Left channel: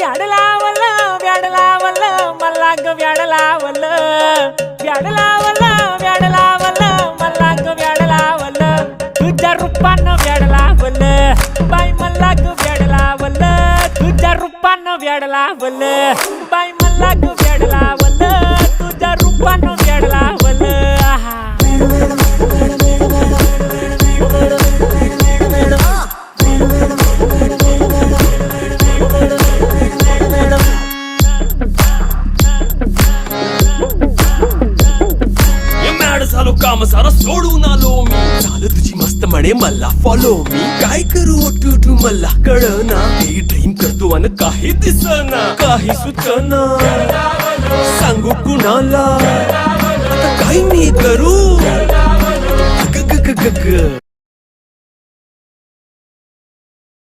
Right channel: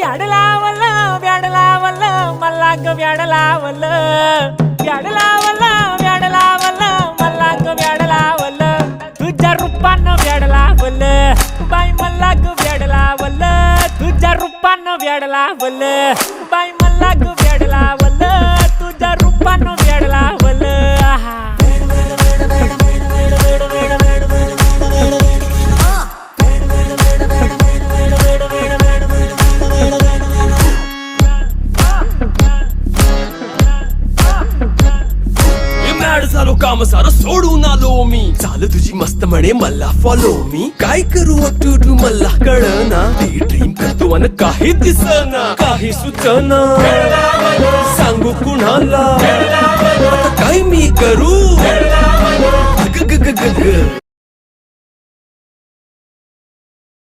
व्याड लावलं व्याड लावलं मला ग व्याड लावलं व्याड लावलं व्याड लावलं मला ग व्याड लावलं तुझ्या रूपानं व्याड लावलं बाई मला ग व्याड लावलं तुझ्या रूपानं व्याड लावलं बाई मला ग व्याड लावलं तुझ्या रूपानं व्याड लावलं आहा झालो काम सारं सोडून आलो मी चाल तुझी मस्त म्हणे मला फॉलो मी काय करू टू मला कळना ती ड्रीम करतो आणि काही दिसना काही सुचना सांगू कुणाला आता काय मी करू ग ग ग ग ग